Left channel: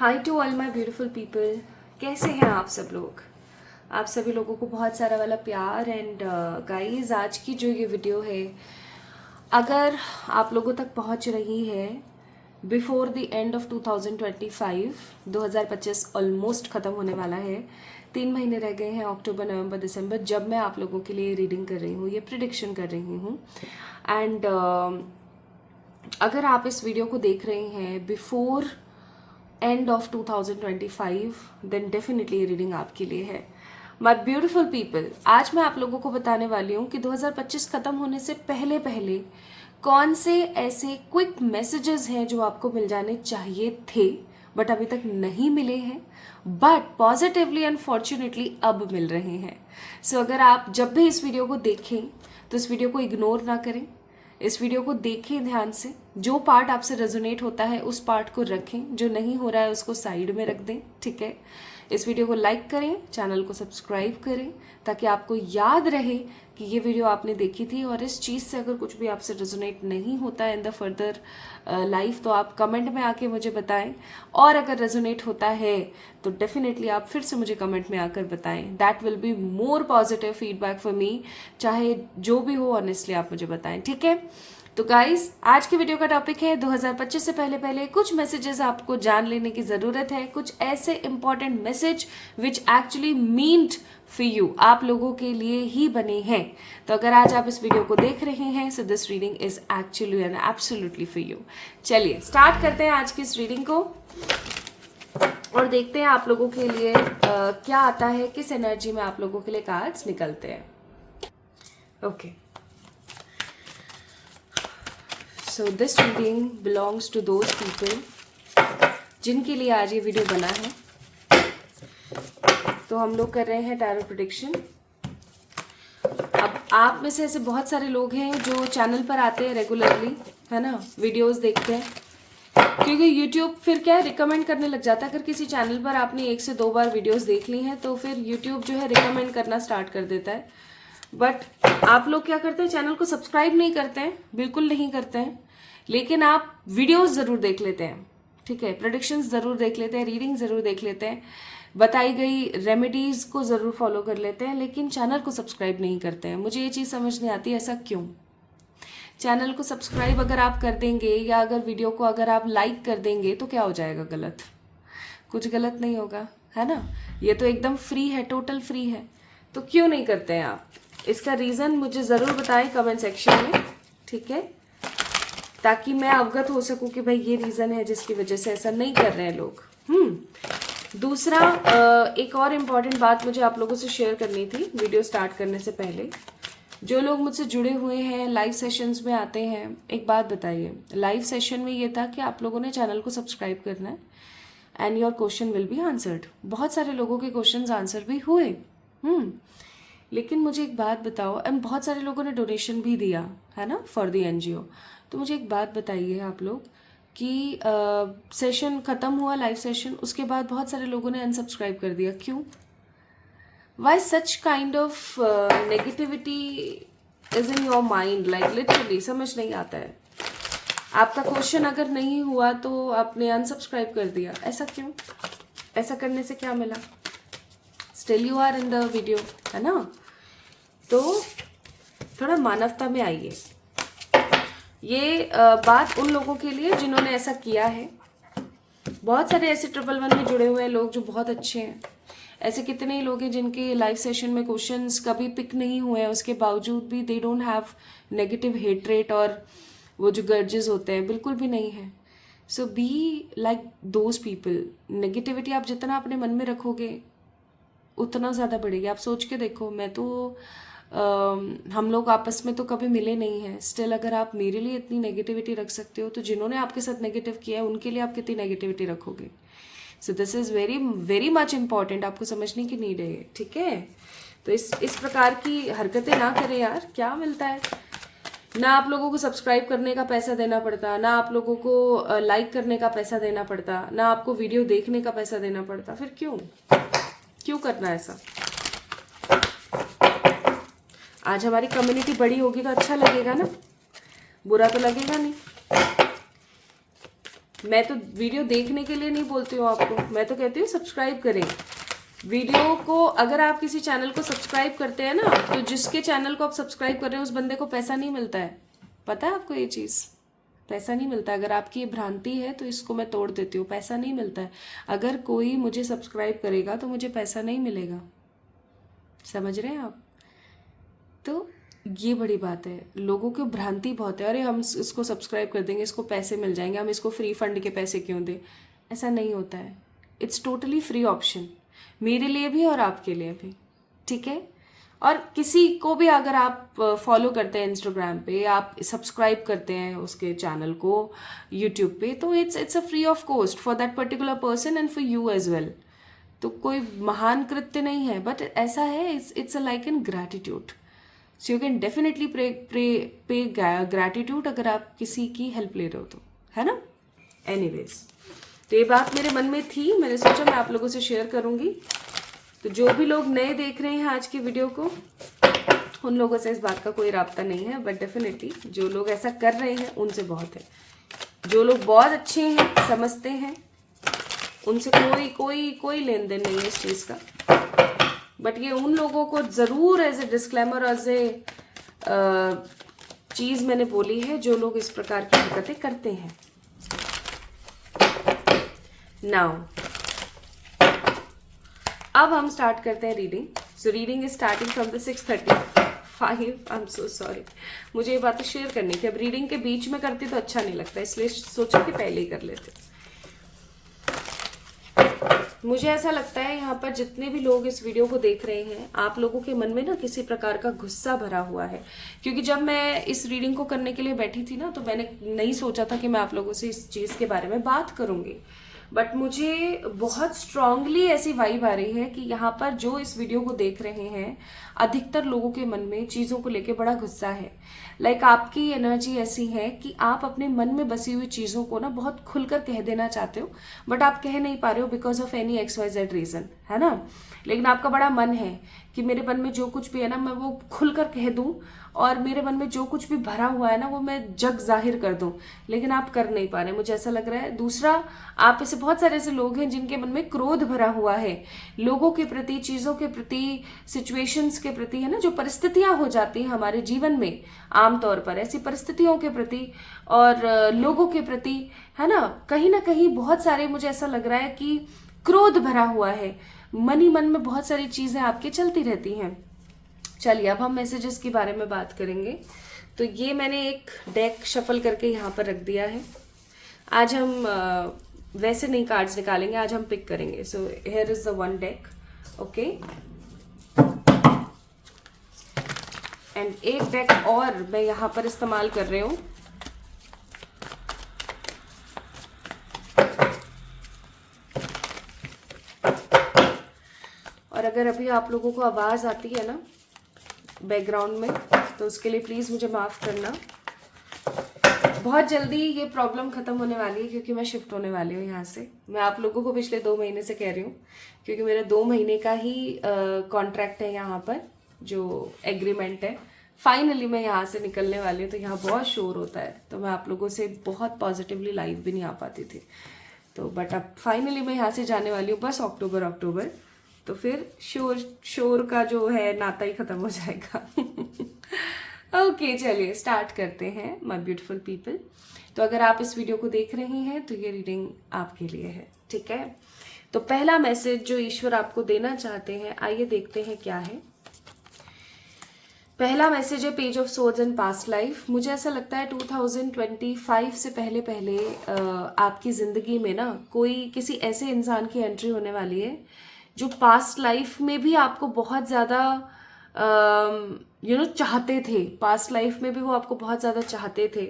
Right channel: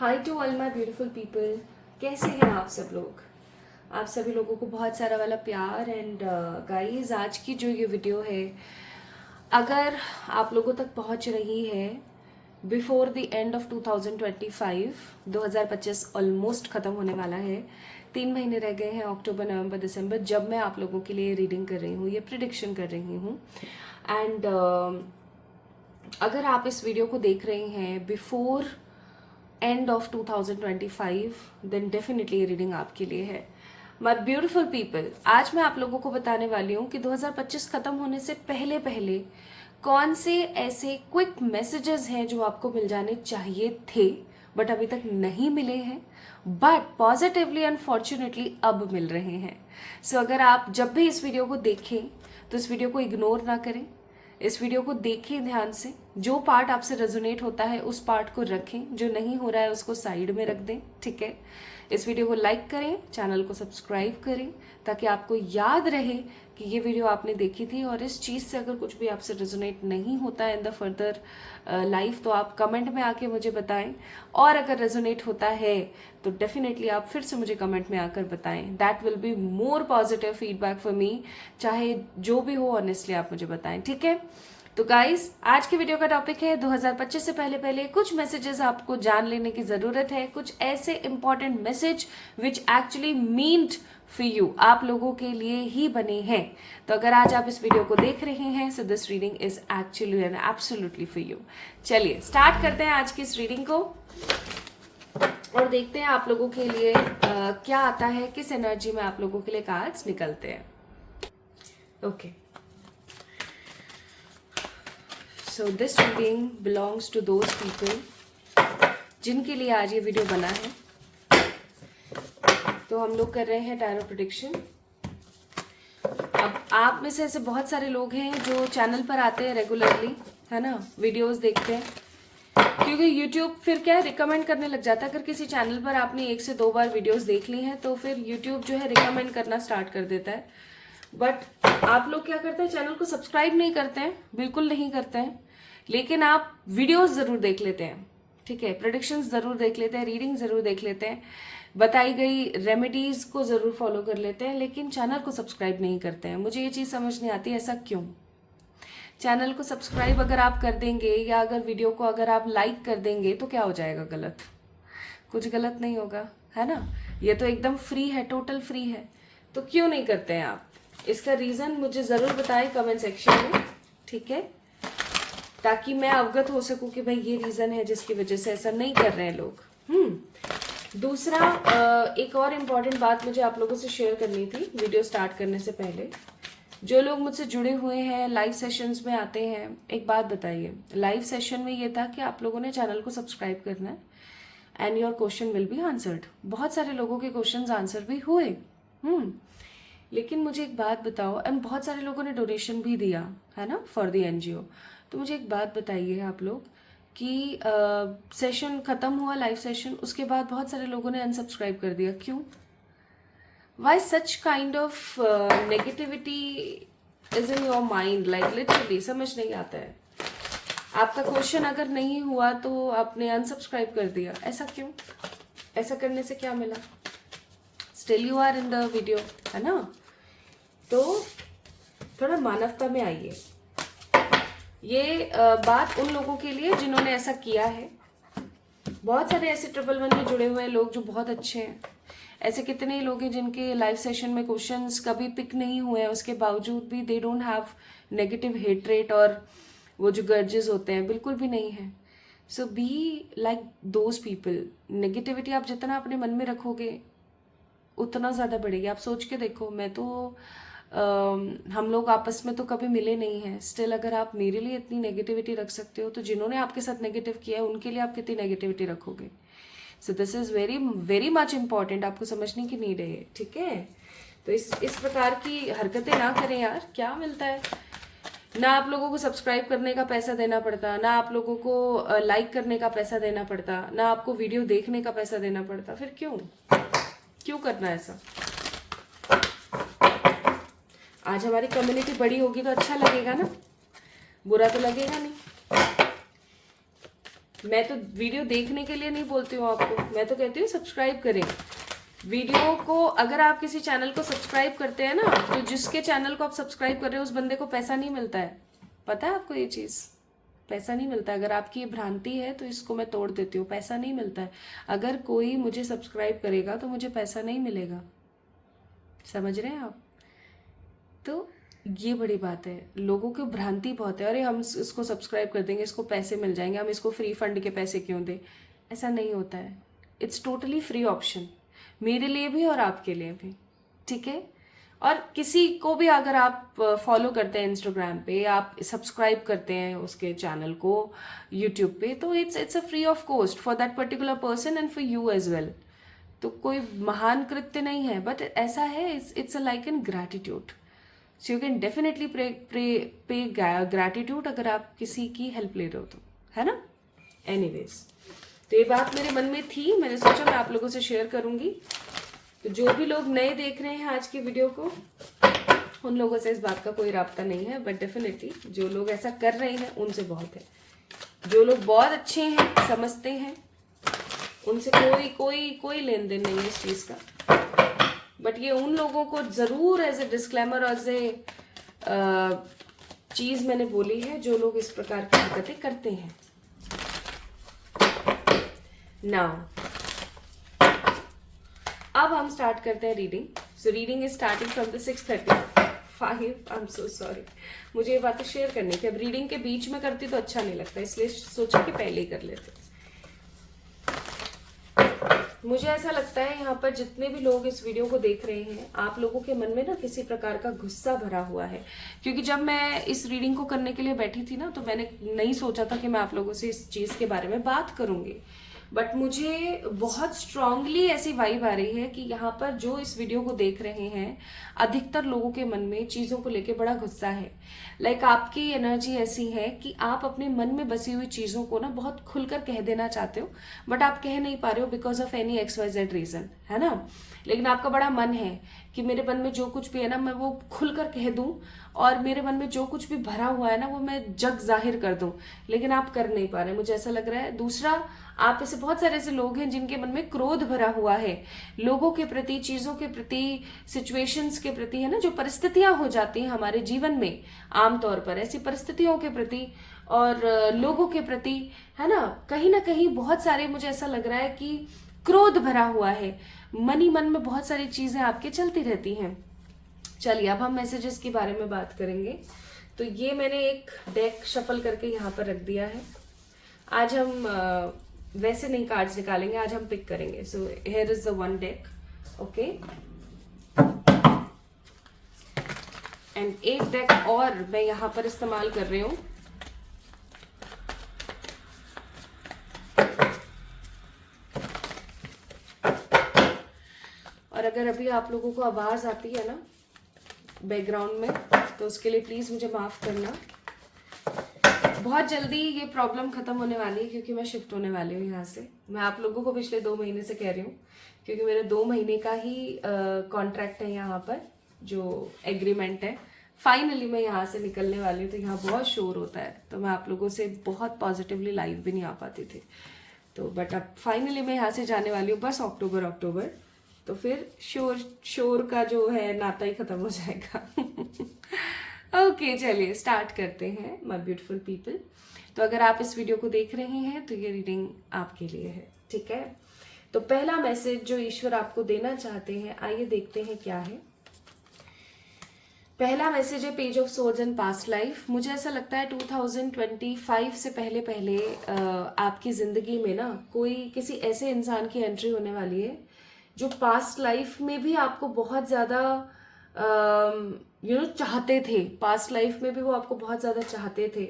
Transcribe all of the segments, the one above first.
High to all my beautiful people, कैसे हैं आप सब लोग। आप सभी लोगों को बहुत सारा वाला प्यार। एंड गाइस, आज की जो ये वीडियो है अगर आप लोगों तक पहुंच रही है before the end of 2025, 2025 almost खत्म होने वाला है, 3 महीने रह गए हैं, अक्टूबर नवंबर दिसंबर, जब मैं आप लोगों के लिए रीडिंग कर रही हूँ, ये प्रिडिक्शन कर रही हूँ। एंड अगर आप इस वीडियो को देख रहे हैं before end of 2025, then definitely ये रीडिंग आपके लिए है। माय ब्यूटीफुल पीपल, आज मैं आप लोगों को बताने वाली हूँ कि 2025 खत्म होने से पहले पहले कौन से ऐसे क्विक मैसेजेस हैं जो आपको मिल जाने चाहिए थे बट अभी तक नहीं मिले हैं, बट पॉजिटिवली अनफॉर्चुनेटली अब मिल रहे हैं। सो अगर आप जब भी इस वीडियो को देखें तो इस वीडियो को इग्नोर ना करें, इस वीडियो को देखें ध्यान से। जो पार्ट आपसे रेजोनेट होता है उस पार्ट को रखें, जो नहीं हो रहा है उसको साइड में रख दें, ठीक है। इस वीडियो को लाइक करें, चैनल को सब्सक्राइब करें ताकि आपको याद रहे कि ये वीडियो आपने देखी थी। और इस चीज़ से अगर कुछ भी आपसे रेजोनेट नहीं होता है इन द फर्दर लाइफ तो आप कमेंट में आके मुझे बताएं, और अगर रेजोनेट होता है तो डेफिनेटली आप फिर से मुझे कमेंट में आकर बताएं। That will be more positive feedback for me, चाहे जो भी हो ऑनेस्टली आप मुझे बताएं, ठीक है। तो गाइस, आज की वीडियो का टॉपिक है 2025 से पहले पहले कुछ मैसेजेस आपको जान लेने की जरूरत है, कुछ ऐसे important message which actually meant for you, आप लोगों के लिए ही बने हैं। तो अगर आज आप इस वीडियो को देख रहे हैं so this reading is actually and absolutely for you. चलिए स्टार्ट करते हैं आज की इस रीडिंग को और देखते हैं आप लोगों के लिए क्या आता है, किस एनर्जी में आप लोगों के लिए कार्ड्स निकलते हैं। Okay, so this reading belongs to those people जिनके लिए आज ये वीडियो बना है। तो हम लोग कर रहे हैं टैरो प्रेडिक्शन। अब आप में से ऐसे बहुत सारे लोग हैं जो चैनल पर आते हैं रेगुलरली, है ना, वीडियोस देखते हैं, क्योंकि YouTube फिर क्या रिकमेंड करने लग जाता है। अगर किसी चैनल पर आपने 1 से 2 बार वीडियोस देख ली हैं तो फिर YouTube जो है रिकमेंड करना स्टार्ट कर देता है। बट आप लोग क्या करते हैं, चैनल को सब्सक्राइब नहीं करते हैं, बिल्कुल नहीं करते हैं, लेकिन आप वीडियोस जरूर देख लेते हैं, ठीक है, प्रेडिक्शंस जरूर देख लेते हैं, रीडिंग जरूर देख लेते हैं, बताई गई रेमेडीज को जरूर फॉलो कर लेते हैं, लेकिन चैनल को सब्सक्राइब नहीं करते हैं। मुझे ये चीज़ समझ नहीं आती, ऐसा क्यों। चैनल को सब्सक्राइब अगर आप कर देंगे या अगर वीडियो को अगर आप लाइक कर देंगे तो क्या हो जाएगा गलत, कुछ गलत नहीं होगा, है ना। ये तो एकदम फ्री है, टोटल फ्री है, तो क्यों नहीं करते हैं आप। इसका रीजन मुझे जरूर बताएं कमेंट सेक्शन में, ठीक है, ताकि मैं अवगत हो सकूं कि भाई ये रीजन है जिसकी वजह से ऐसा नहीं कर रहे हैं लोग। दूसरा, एक और इम्पॉर्टेंट बात मुझे आप लोगों से शेयर करनी थी वीडियो स्टार्ट करने से पहले। जो लोग मुझसे जुड़े हुए हैं, लाइव सेशंस में आते हैं, एक बात बताइए, लाइव सेशन में ये था कि आप लोगों ने चैनल को सब्सक्राइब करना है and your question will be answered. बहुत सारे लोगों के क्वेश्चन आंसर भी हुए, लेकिन मुझे एक बात बताओ, एंड बहुत सारे लोगों ने डोनेशन भी दिया, है ना, फॉर द एनजीओ। तो मुझे एक बात बताइए आप लोग कि सेशन खत्म हुआ, लाइव सेशन, उसके बाद बहुत सारे लोगों ने अनसब्सक्राइब कर दिया, क्यों। Why such kind of negativity is in your mind, like literally समझ नहीं आता है। आपका क्वेश्चन अगर नहीं हुआ तो आपने अनसब्सक्राइब कर दिया, ऐसा क्यों, ऐसा करने से क्या मिला। Still you are in the video, है ना। तो थोड़ा मानवता में आइए। ये बात उन लोगों के लिए जिन्होंने ऐसा किया है। बहुत सारे ऐसे 111 में जुड़े हुए लोग जो बहुत अच्छे हैं। ऐसे कितने ही लोग हैं जिनके लाइव सेशन में क्वेश्चंस कभी पिक नहीं हुए हैं, उसके बावजूद भी they don't have negative hatred और वो जो गर्जेस होते हैं, बिल्कुल भी नहीं है। So be like those people. Negativity आप जितना अपने मन में रखोगे उतना ज़्यादा बढ़ेगी। आप सोच के देखो, मैं तो हम लोग आपस में तो कभी मिले नहीं हैं, स्टिल अगर आप मेरे लिए इतनी नेगेटिविटी रख सकते हो तो जिन्होंने आपके साथ नेगेटिव किया है उनके लिए आप कितनी नेगेटिविटी रखोगे। So this is very very much important, आपको समझने की नीड है, ठीक है। तो इस प्रकार की हरकतें ना करें यार, क्या मिलता है। ना आप लोगों को सब्सक्राइब करने का पैसा देना पड़ता, ना आप लोगों को लाइक करने का पैसा देना पड़ता, ना आपको वीडियो देखने का पैसा देना पड़ता, फिर क्यों करना ऐसा। आज हमारी कम्युनिटी बड़ी होगी तो अच्छा लगेगा ना, बुरा तो लगेगा नहीं। मैं तो वीडियो देखने के लिए नहीं बोलती हूँ आपको, मैं तो कहती हूँ सब्सक्राइब करें वीडियो को। अगर आप किसी चैनल को सब्सक्राइब करते हैं ना, तो जिसके चैनल को आप सब्सक्राइब कर रहे हो उस बंदे को पैसा नहीं मिलता है। पता है आपको ये चीज़? पैसा नहीं मिलता। अगर आपकी ये भ्रांति है तो इसको मैं तोड़ देती हूँ, पैसा नहीं मिलता है। अगर कोई मुझे सब्सक्राइब करेगा तो मुझे पैसा नहीं मिलेगा, समझ रहे हैं आप? तो ये बड़ी बात है, लोगों की भ्रांति बहुत है, अरे हम इसको सब्सक्राइब कर देंगे, इसको पैसे मिल जाएंगे, हम इसको फ्री फंड के पैसे क्यों दें। ऐसा नहीं होता है। इट्स टोटली फ्री ऑप्शन, मेरे लिए भी और आपके लिए भी, ठीक है? और किसी को भी अगर आप फॉलो करते हैं इंस्टाग्राम पे, आप सब्सक्राइब करते हैं उसके चैनल को यूट्यूब पे, तो it's a free of cost for that particular person and for you as well. तो कोई महान कृत्य नहीं है, बट ऐसा है, it's a like in gratitude. So you can definitely pay gratitude अगर आप किसी की हेल्प ले रहे हो तो, है ना? एनीवेज, तो ये बात मेरे मन में थी, मैंने सोचा मैं आप लोगों से शेयर करूंगी। तो जो भी लोग नए देख रहे हैं आज की वीडियो को, उन लोगों से इस बात का कोई राब्ता नहीं है, बट डेफिनेटली जो लोग ऐसा कर रहे हैं उनसे बहुत है। जो लोग बहुत अच्छे हैं, समझते हैं, उनसे कोई कोई कोई लेन देन नहीं है इस चीज का। बट ये उन लोगों को जरूर as a disclaimer, as a चीज मैंने बोली है, जो लोग इस प्रकार की हरकतें करते हैं। नाउ अब हम स्टार्ट करते हैं reading. So reading is starting from the 6:35। I am so sorry, मुझे ये बातें शेयर करनी थी। अब रीडिंग के बीच में करती तो अच्छा नहीं लगता, इसलिए सोचा कि पहले ही कर लेते। मुझे ऐसा लगता है यहाँ पर जितने भी लोग इस वीडियो को देख रहे हैं, आप लोगों के मन में ना किसी प्रकार का गुस्सा भरा हुआ है। क्योंकि जब मैं इस रीडिंग को करने के लिए बैठी थी ना, तो मैंने नहीं सोचा था कि मैं आप लोगों से इस चीज के बारे में बात करूंगी, बट मुझे बहुत स्ट्रांगली ऐसी वाइब आ रही है कि यहाँ पर जो इस वीडियो को देख रहे हैं, अधिकतर लोगों के मन में चीजों को लेके बड़ा गुस्सा है। लाइक आपकी एनर्जी ऐसी है कि आप अपने मन में बसी हुई चीजों को ना बहुत खुलकर कह देना चाहते हो, बट आप कह नहीं पा रहे हो because of any XYZ reason, है ना? लेकिन आपका बड़ा मन है कि मेरे मन में जो कुछ भी है ना, मैं वो खुलकर कह दूं, और मेरे मन में जो कुछ भी भरा हुआ है ना, वो मैं जग जाहिर कर दूं, लेकिन आप कर नहीं पा रहे, मुझे ऐसा लग रहा है। दूसरा, आप ऐसे बहुत सारे ऐसे लोग हैं जिनके मन में क्रोध भरा हुआ है लोगों के प्रति, चीजों के प्रति, सिचुएशंस के प्रति, है ना? जो परिस्थितियां हो जाती हैं हमारे जीवन में आमतौर पर, ऐसी परिस्थितियों के प्रति और लोगों के प्रति, है ना कहीं बहुत सारे, मुझे ऐसा लग रहा है कि क्रोध भरा हुआ है। मन ही मन में बहुत सारी चीजें आपके चलती रहती हैं। चलिए, अब हम मैसेजेस के बारे में बात करेंगे। तो ये मैंने एक डेक शफल करके यहाँ पर रख दिया है। आज हम वैसे नहीं कार्ड्स निकालेंगे, आज हम पिक करेंगे। So here is the one deck, okay. And एक डेक और मैं यहाँ पर इस्तेमाल कर रही हूँ। और अगर अभी आप लोगों को आवाज आती है ना बैकग्राउंड में, तो उसके लिए प्लीज मुझे माफ करना। बहुत जल्दी ये प्रॉब्लम खत्म होने वाली है, क्योंकि मैं शिफ्ट होने वाली हूँ यहाँ से। मैं आप लोगों को पिछले 2 महीने से कह रही हूँ, क्योंकि मेरा 2 महीने का ही कॉन्ट्रैक्ट है यहाँ पर, जो एग्रीमेंट है। फाइनली मैं यहाँ से निकलने वाली हूँ। तो यहाँ बहुत शोर होता है, तो मैं आप लोगों से बहुत पॉजिटिवली लाइव भी नहीं आ पाती थी। तो बट अब फाइनली मैं यहाँ से जाने वाली हूँ, बस अक्टूबर, तो फिर शोर का जो है नाता ही खत्म हो जाएगा। ओके, चलिए स्टार्ट करते हैं माय ब्यूटीफुल पीपल। तो अगर आप इस वीडियो को देख रहे हैं तो ये रीडिंग आपके लिए है, ठीक है? तो पहला मैसेज जो ईश्वर आपको देना चाहते हैं, आइए देखते हैं क्या है। पहला मैसेज है page of swords and past life. मुझे ऐसा लगता है 2025 से पहले आपकी जिंदगी में ना कोई किसी ऐसे इंसान की एंट्री होने वाली है जो पास्ट लाइफ में भी आपको बहुत ज्यादा चाहते थे। पास्ट लाइफ में भी वो आपको बहुत ज्यादा चाहते थे।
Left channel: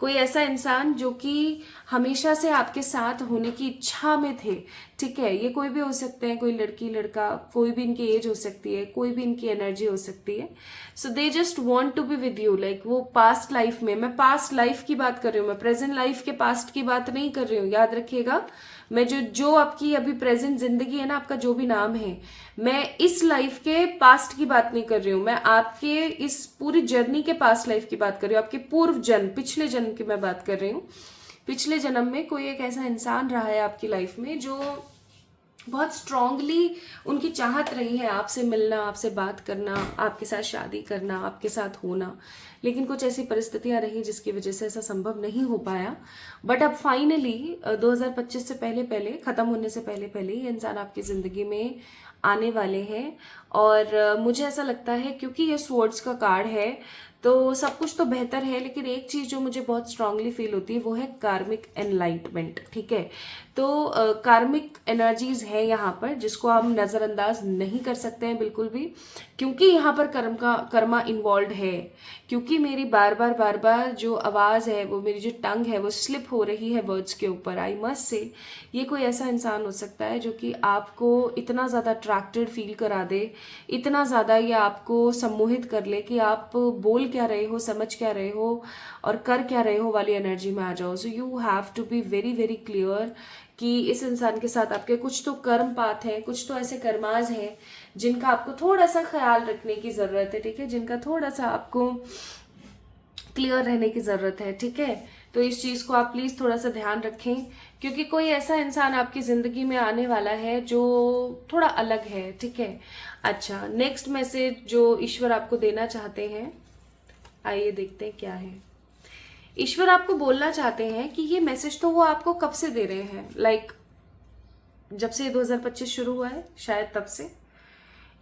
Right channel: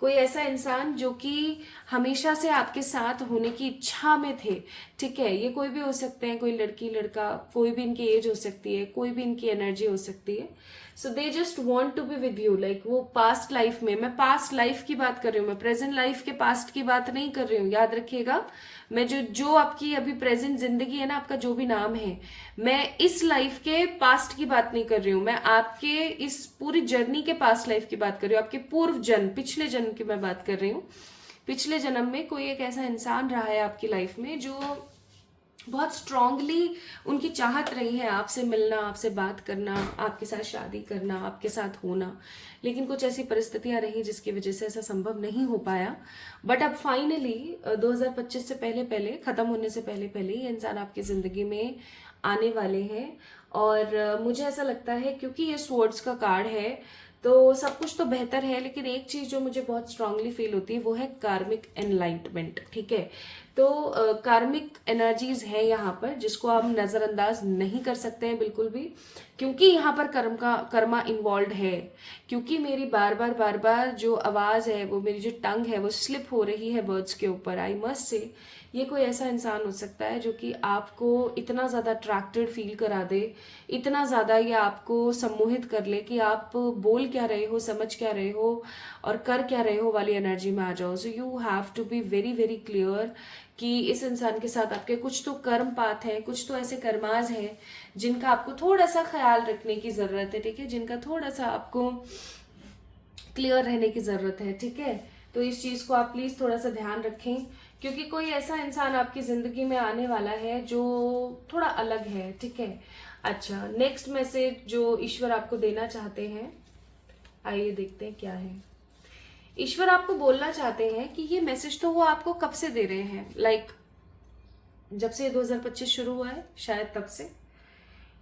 कोई ऐसा इंसान जो कि हमेशा से आपके साथ होने की इच्छा में थे, ठीक है? ये कोई भी हो सकते हैं, कोई लड़की लड़का, कोई भी इनकी एज हो सकती है, कोई भी इनकी एनर्जी हो सकती है। So they just want to be with you. Like वो पास्ट लाइफ में, मैं पास्ट लाइफ की बात कर रही हूँ, मैं प्रेजेंट लाइफ के पास्ट की बात नहीं कर रही हूँ, याद रखिएगा। मैं जो आपकी अभी प्रेजेंट जिंदगी है ना, आपका जो भी नाम है, मैं इस लाइफ के पास्ट की बात नहीं कर रही हूँ, मैं आपके इस पूरी जर्नी के पास्ट लाइफ की बात कर रही हूँ, आपके पूर्व जन्म, पिछले जन्म की मैं बात कर रही हूँ। पिछले जन्म में कोई एक ऐसा इंसान रहा है आपकी लाइफ में जो बहुत स्ट्रांगली उनकी चाहत रही है आपसे मिलना, आपसे बात करना, आपके साथ शादी करना, आपके साथ होना, लेकिन कुछ ऐसी परिस्थितियां रही जिसकी वजह से ऐसा संभव नहीं हो पाया। बट अब फाइनली 2025 से पहले पहले, खत्म होने से पहले पहले ये इंसान आपकी जिंदगी में आने वाले हैं। और मुझे ऐसा लगता है क्योंकि ये स्वॉर्ड्स का कार्ड है तो सब कुछ तो बेहतर है, लेकिन एक चीज जो मुझे बहुत स्ट्रांगली फील होती है वो है कार्मिक एनलाइटमेंट। ठीक है, तो कार्मिक एनर्जीज है यहाँ पर जिसको हम नजरअंदाज नहीं कर सकते हैं बिल्कुल भी, क्योंकि यहाँ पर कर्मा इन्वॉल्व है। क्योंकि मेरी बार बार जो आवाज है, वो मेरी जो टंग है वो स्लिप हो रही है वर्ड्स के ऊपर। आई मस्ट से ये कोई ऐसा इंसान हो सकता है जो कि आपको इतना ज्यादा अट्रैक्टेड फील करा दे, इतना ज्यादा ये आपको सम्मोहित कर ले कि आप बोल क्या रहे हो, समझ क्या रहे हो और कर क्या रहे हो वाली एनर्जी में आ जाओ। So you have to be very very clear कि इस इंसान के साथ आपके कुछ तो कर्म पाथ हैं, कुछ तो ऐसे कर्माज हैं जिनका आपको थोड़ा सा ख्याल रखने की जरूरत है। ठीक है, जिनका थोड़ा सा आपको क्लियर रहने की जरूरत है। ठीक है, तो इस चीज को आप प्लीज थोड़ा सा ध्यान रखें, क्योंकि कोई ऐसा इंसान आपकी जिंदगी में आने वाला है जो थोड़ा अलग है। ठीक है, अच्छा, नेक्स्ट मैसेज जो ईश्वर आपको देना चाहते हैं, आइए देखते हैं क्या है। ईश्वर आपको बोलना चाहते हैं कि ये मैसेज तो वो आपको कब से दे रहे हैं, लाइक जब से 2025 शुरू हुआ है शायद तब से।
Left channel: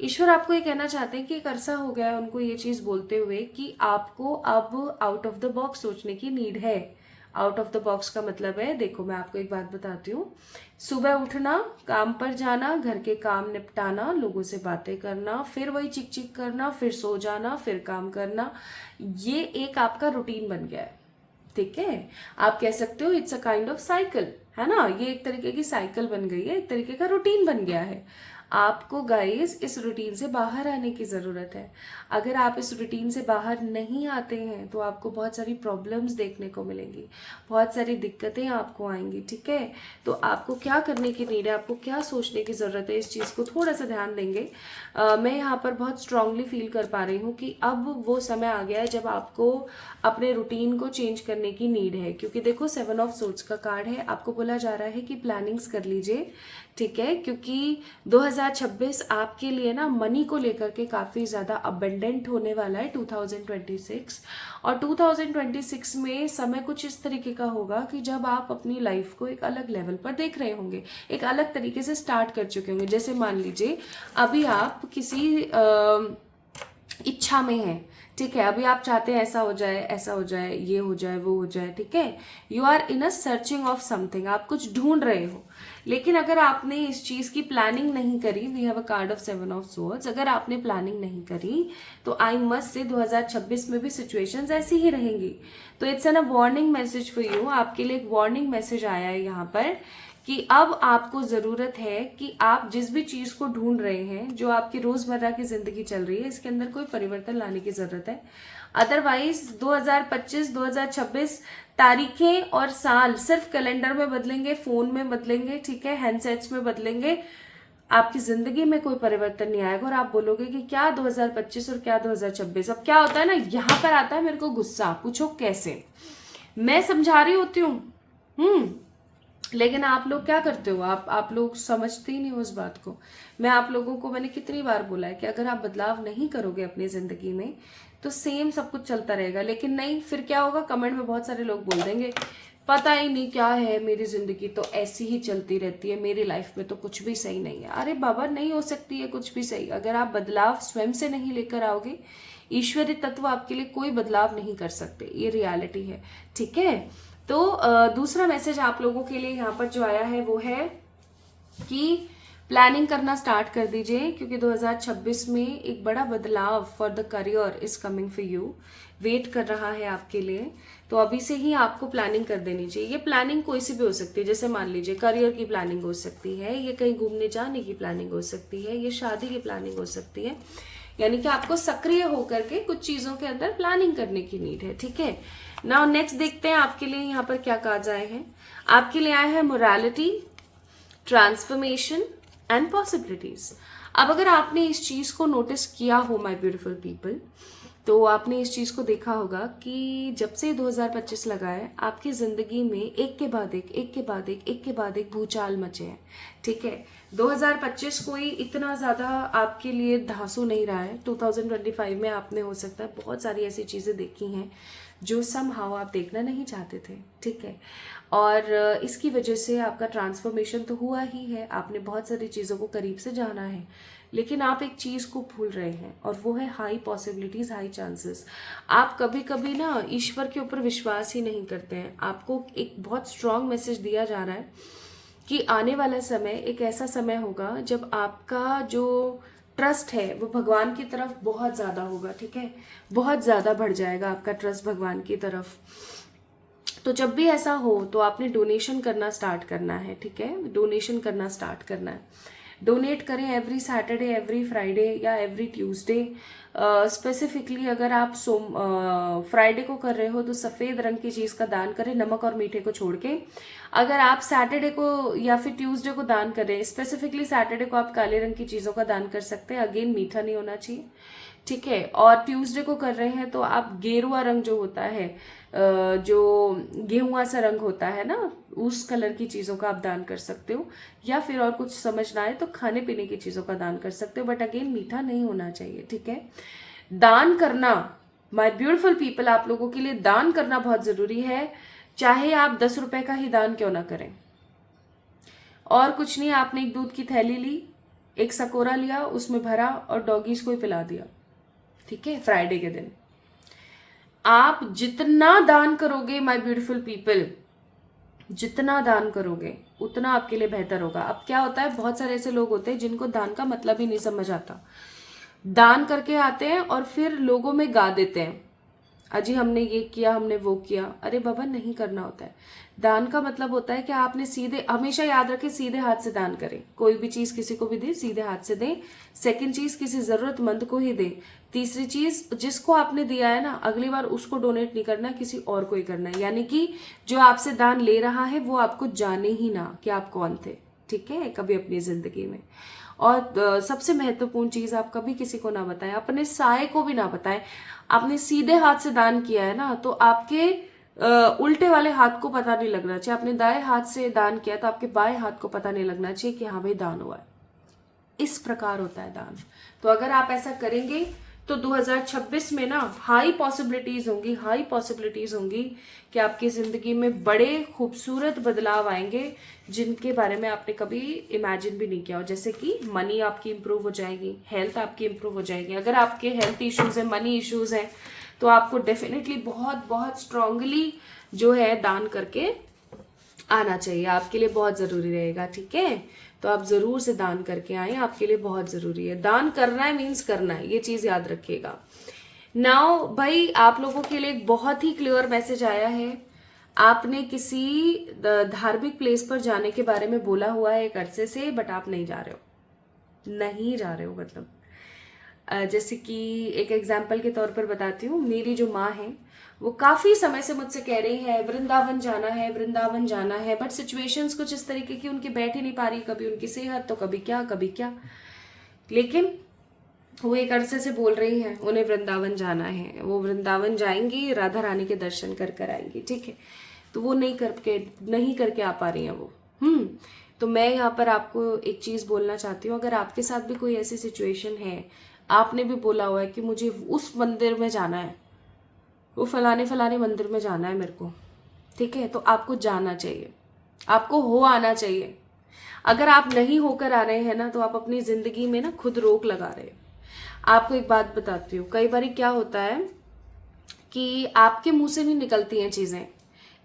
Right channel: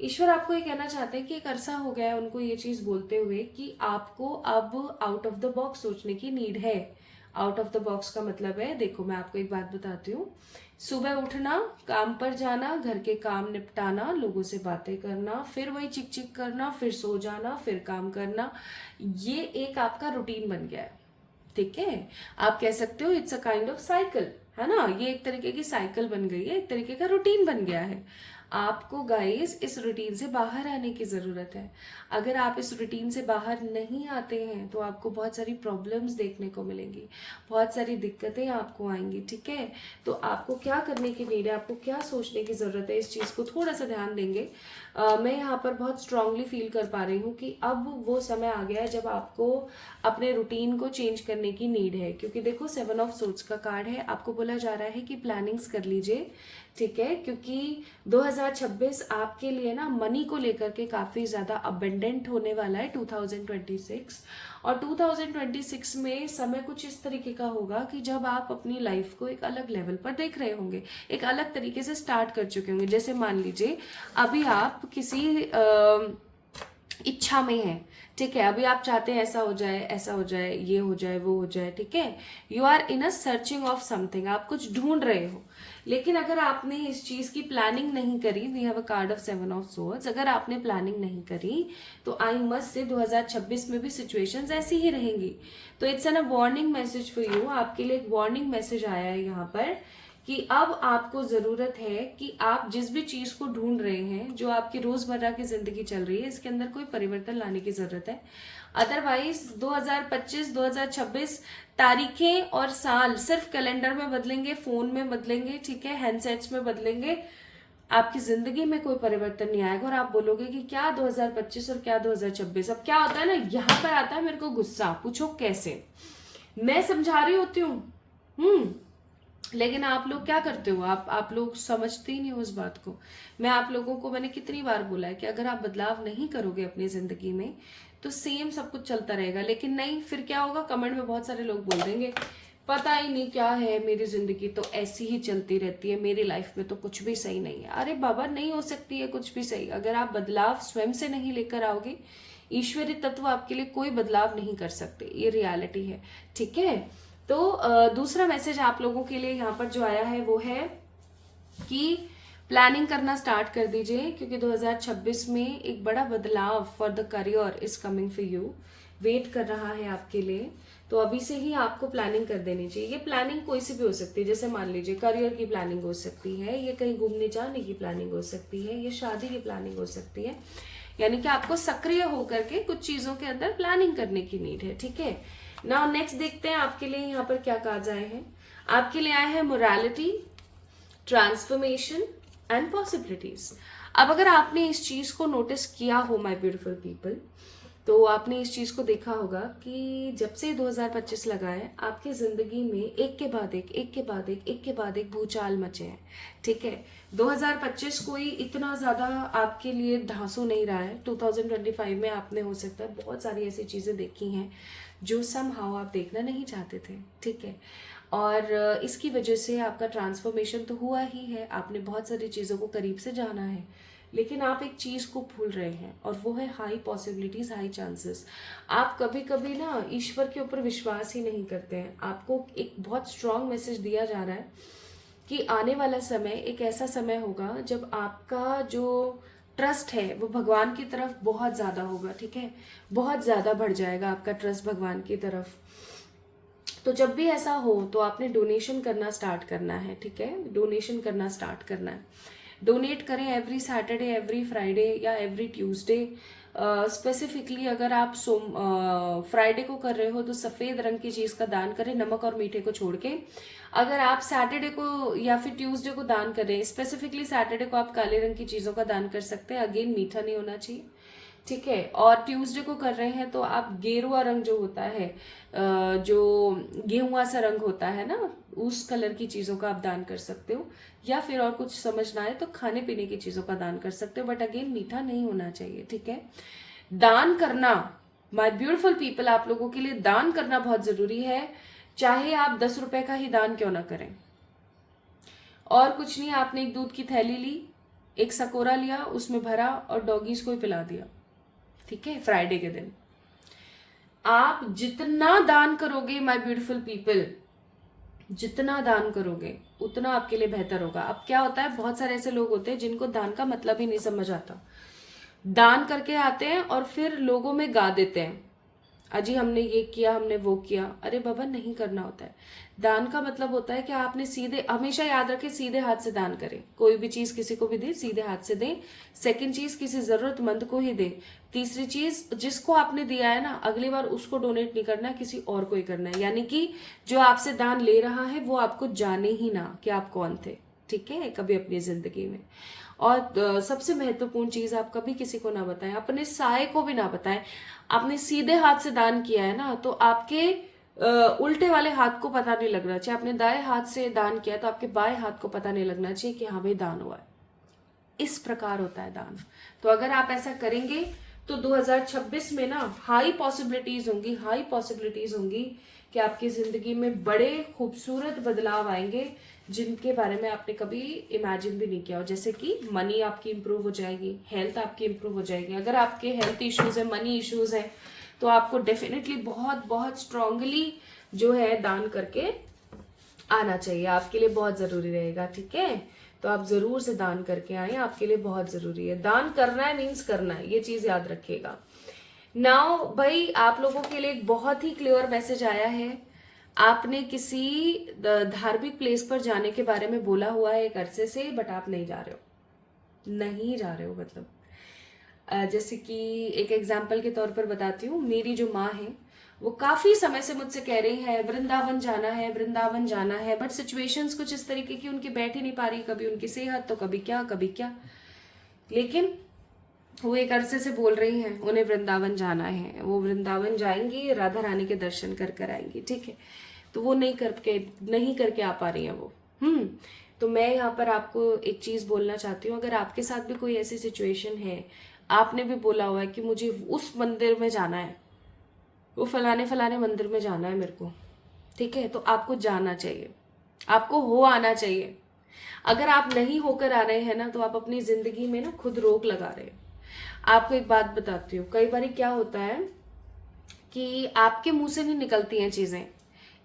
ईश्वर आपको ये कहना चाहते हैं कि एक अरसा हो गया है उनको ये चीज बोलते हुए कि आपको अब आउट ऑफ द बॉक्स सोचने की नीड है। आउट ऑफ द बॉक्स का मतलब है, देखो मैं आपको एक बात बताती हूँ, सुबह उठना, काम पर जाना, घर के काम निपटाना, लोगों से बातें करना, फिर वही चिक चिक करना, फिर सो जाना, फिर काम करना, ये एक आपका रूटीन बन गया है। ठीक है, आप कह सकते हो it's a kind of cycle, है ना, ये एक तरीके की साइकिल बन गई है, एक तरीके का रूटीन बन गया है। आपको गाइस इस रूटीन से बाहर आने की जरूरत है। अगर आप इस रूटीन से बाहर नहीं आते हैं तो आपको बहुत सारी प्रॉब्लम्स देखने को मिलेंगी, बहुत सारी दिक्कतें आपको आएंगी। ठीक है, तो आपको क्या करने की नीड है, आपको क्या सोचने की जरूरत है, इस चीज को थोड़ा सा ध्यान देंगे। मैं यहाँ पर बहुत स्ट्रांगली फील कर पा रही हूँ कि अब वो समय आ गया है जब आपको अपने रूटीन को चेंज करने की नीड है। क्योंकि देखो 7 ऑफ सोर्ड्स का कार्ड है, आपको बोला जा रहा है कि प्लानिंग्स कर लीजिए। ठीक है, क्योंकि 2026 आपके लिए ना मनी को लेकर के काफी ज्यादा अबेंडेंट होने वाला है 2026। और 2026 में समय कुछ इस तरीके का होगा कि जब आप अपनी लाइफ को एक अलग लेवल पर देख रहे होंगे, एक अलग तरीके से स्टार्ट कर चुके होंगे। जैसे मान लीजिए अभी आप किसी इच्छा में हैं, ठीक है, अभी आप चाहते हैं ऐसा हो जाए, ऐसा हो जाए, ये हो जाए, वो हो जाए। ठीक है, you are in a searching of something, आप कुछ ढूंढ रहे हो। लेकिन अगर आपने इस चीज की प्लानिंग नहीं करी, we have a card of 7 of swords, अगर आपने प्लानिंग नहीं करी तो आई मस्ट से 2026 में भी सिचुएशंस ऐसी ही रहेंगी। तो it's an a warning message for you, आपके लिए एक वार्निंग मैसेज आया है यहाँ पर कि अब आपको जरूरत है कि आप जिस भी चीज को ढूंढ रहे हैं, जो आपकी रोजमर्रा की जिंदगी चल रही है, इसके अंदर कोई परिवर्तन लाने की जरूरत है। अदरवाइज 2025 2026 तारीखें और साल सिर्फ कैलेंडर में बदलेंगे, फोन में बदलेंगे, ठीक है, हैंडसेट्स में बदलेंगे, आपकी जिंदगी में कोई परिवर्तन नहीं आएगा। और आप बोलोगे कि क्या 2025 और क्या 2026। अब क्या होता है ना, यहाँ पर आता है मेरे को गुस्सा, पूछो कैसे, मैं समझा रही होती हूँ लेकिन आप लोग क्या करते हो, आप लोग समझते ही नहीं हो इस बात को। मैं आप लोगों को मैंने कितनी बार बोला है कि अगर आप बदलाव नहीं करोगे अपनी जिंदगी में तो सेम सब कुछ चलता रहेगा। लेकिन नहीं, फिर क्या होगा, कमेंट में बहुत सारे लोग बोल देंगे पता ही नहीं क्या है, मेरी जिंदगी तो ऐसी ही चलती रहती है, मेरी लाइफ में तो कुछ भी सही नहीं है। अरे बाबा, नहीं हो सकती है कुछ भी सही। अगर आप बदलाव स्वयं से नहीं लेकर आओगे, ईश्वरीय तत्व आपके लिए कोई बदलाव नहीं कर सकते, ये रियलिटी है। ठीक है, तो दूसरा मैसेज आप लोगों के लिए यहाँ पर जो आया है वो है कि प्लानिंग करना स्टार्ट कर दीजिए, क्योंकि 2026 में एक बड़ा बदलाव for the career is coming for you, wait कर रहा है आपके लिए। तो अभी से ही आपको प्लानिंग कर देनी चाहिए। ये प्लानिंग कोई सी भी हो सकती है, जैसे मान लीजिए करियर की प्लानिंग हो सकती है, ये कहीं घूमने जाने की प्लानिंग हो सकती है, ये शादी की प्लानिंग हो सकती है। यानी कि आपको सक्रिय होकर के कुछ चीजों के अंदर प्लानिंग करने की नीड है। ठीक है, नाउ नेक्स्ट देखते हैं आपके लिए यहाँ पर क्या कार्ड्स आए हैं। आपके लिए आया है मोरालिटी, ट्रांसफॉर्मेशन एंड पॉसिबिलिटीज। अब अगर आपने इस चीज को नोटिस किया हो माय ब्यूटीफुल पीपल, तो आपने इस चीज को देखा होगा कि जब से 2025 लगा है, आपकी जिंदगी में एक के बाद एक, एक के बाद एक, एक के बाद एक भूचाल मचे हैं। ठीक है, 2025 कोई इतना ज्यादा आपके लिए धांसू नहीं रहा है। 2025 में आपने हो सकता है बहुत सारी ऐसी चीजें देखी हैं जो समहाउ आप देखना नहीं चाहते थे। ठीक है, और इसकी वजह से आपका ट्रांसफॉर्मेशन तो हुआ ही है, आपने बहुत सारी चीजों को करीब से जाना है, लेकिन आप एक चीज को भूल रहे हैं और वो है हाई पॉसिबिलिटीज, हाई चांसेस। आप कभी कभी ना ईश्वर के ऊपर विश्वास ही नहीं करते हैं। आपको एक बहुत स्ट्रांग मैसेज दिया जा रहा है कि आने वाला समय एक ऐसा समय होगा जब आपका जो ट्रस्ट है वो भगवान की तरफ बहुत ज्यादा होगा। ठीक है, बहुत ज्यादा बढ़ जाएगा आपका ट्रस्ट भगवान की तरफ। तो जब भी ऐसा हो तो आपने डोनेशन करना स्टार्ट करना है। ठीक है, डोनेशन करना स्टार्ट करना है। डोनेट करें एवरी सैटरडे, एवरी फ्राइडे या एवरी ट्यूसडे। स्पेसिफिकली अगर आप फ्राइडे को कर रहे हो तो सफेद रंग की चीज का दान करें, नमक और मीठे को छोड़ के। अगर आप सैटरडे को या फिर ट्यूसडे को दान करें, स्पेसिफिकली सैटरडे को आप काले रंग की चीजों का दान कर सकते हैं। अगेन मीठा नहीं होना चाहिए। ठीक है, और ट्यूसडे को कर रहे हैं तो आप गेरुआ रंग जो होता है, जो गेहुआ सा रंग होता है ना, उस कलर की चीजों का आप दान कर सकते हो। या फिर और कुछ समझ ना आए तो खाने पीने की चीजों का दान कर सकते हो, बट अगेन मीठा नहीं होना चाहिए। ठीक है, दान करना माय ब्यूटीफुल पीपल, आप लोगों के लिए दान करना बहुत जरूरी है। चाहे आप 10 रुपए का ही दान क्यों ना करें। और कुछ नहीं, आपने एक दूध की थैली ली, एक सकोरा लिया, उसमें भरा और डॉगीज को ही पिला दिया। ठीक है, फ्राइडे के दिन आप जितना दान करोगे माय ब्यूटीफुल पीपल, जितना दान करोगे उतना आपके लिए बेहतर होगा। अब क्या होता है, बहुत सारे ऐसे लोग होते हैं जिनको दान का मतलब ही नहीं समझ आता। दान करके आते हैं और फिर लोगों में गा देते हैं, अजी हमने ये किया, हमने वो किया। अरे बाबा, नहीं करना होता है। दान का मतलब होता है कि आपने सीधे, हमेशा याद रखें, सीधे हाथ से दान करें। कोई भी चीज किसी को भी दे, सीधे हाथ से दें। सेकंड चीज, किसी जरूरतमंद को ही दें। तीसरी चीज, जिसको आपने दिया है ना, अगली बार उसको डोनेट नहीं करना, किसी और को ही करना है। यानी कि जो आपसे दान ले रहा है वो आपको जाने ही ना कि आप कौन थे। ठीक है, कभी अपनी जिंदगी में। और सबसे महत्वपूर्ण चीज, आप कभी किसी को ना बताएं, अपने साय को भी ना बताएं। आपने सीधे हाथ से दान किया है ना, तो आपके उल्टे वाले हाथ को पता नहीं लगना चाहिए। आपने दाएं हाथ से दान किया तो आपके बाएं हाथ को पता नहीं लगना चाहिए कि हाँ भाई दान हुआ है। इस प्रकार होता है दान। तो अगर आप ऐसा करेंगे तो 2026 में ना हाई पॉसिबिलिटीज होंगी, हाई पॉसिबिलिटीज होंगी कि आपकी जिंदगी में बड़े खूबसूरत बदलाव आएंगे जिनके बारे में आपने कभी इमेजिन भी नहीं किया हो। जैसे कि मनी आपकी इंप्रूव हो जाएगी, हेल्थ आपकी इंप्रूव हो जाएगी। अगर आपके हेल्थ इश्यूज है, मनी इश्यूज है, तो आपको डेफिनेटली बहुत बहुत स्ट्रांगली जो है दान करके आना चाहिए। आपके लिए बहुत जरूरी रहेगा। ठीक है, तो आप जरूर से दान करके आए, आपके लिए बहुत जरूरी है। दान करना है मीन्स करना है, ये चीज याद रखिएगा। नाउ भाई, आप लोगों के लिए एक बहुत ही क्लियर मैसेज आया है। आपने किसी धार्मिक प्लेस पर जाने के बारे में बोला हुआ है एक अरसे से, बट आप नहीं जा रहे हो, नहीं जा रहे हो। मतलब जैसे कि एक एग्जाम्पल के तौर पर बताती हूँ, मेरी जो माँ है वो काफी समय से मुझसे कह रही है वृंदावन जाना है, वृंदावन जाना है, बट सिचुएशंस कुछ इस तरीके की उनकी बैठ ही नहीं पा रही, कभी उनकी सेहत तो कभी क्या कभी क्या। लेकिन वो एक अरसे से बोल रही हैं उन्हें वृंदावन जाना है, वो वृंदावन जाएंगी, राधा रानी के दर्शन कर कर आएंगी। ठीक है, तो वो नहीं करके आ पा रही हैं वो। तो मैं यहाँ पर आपको एक चीज बोलना चाहती हूँ, अगर आपके साथ भी कोई ऐसी सिचुएशन है, आपने भी बोला हुआ है कि मुझे उस मंदिर में जाना है, वो फलाने फलाने मंदिर में जाना है मेरे को, ठीक है, तो आपको जाना चाहिए, आपको हो आना चाहिए। अगर आप नहीं होकर आ रहे हैं ना, तो आप अपनी जिंदगी में ना खुद रोक लगा रहे हैं। आपको एक बात बताती हूँ, कई बार क्या होता है कि आपके मुंह से नहीं निकलती हैं चीजें।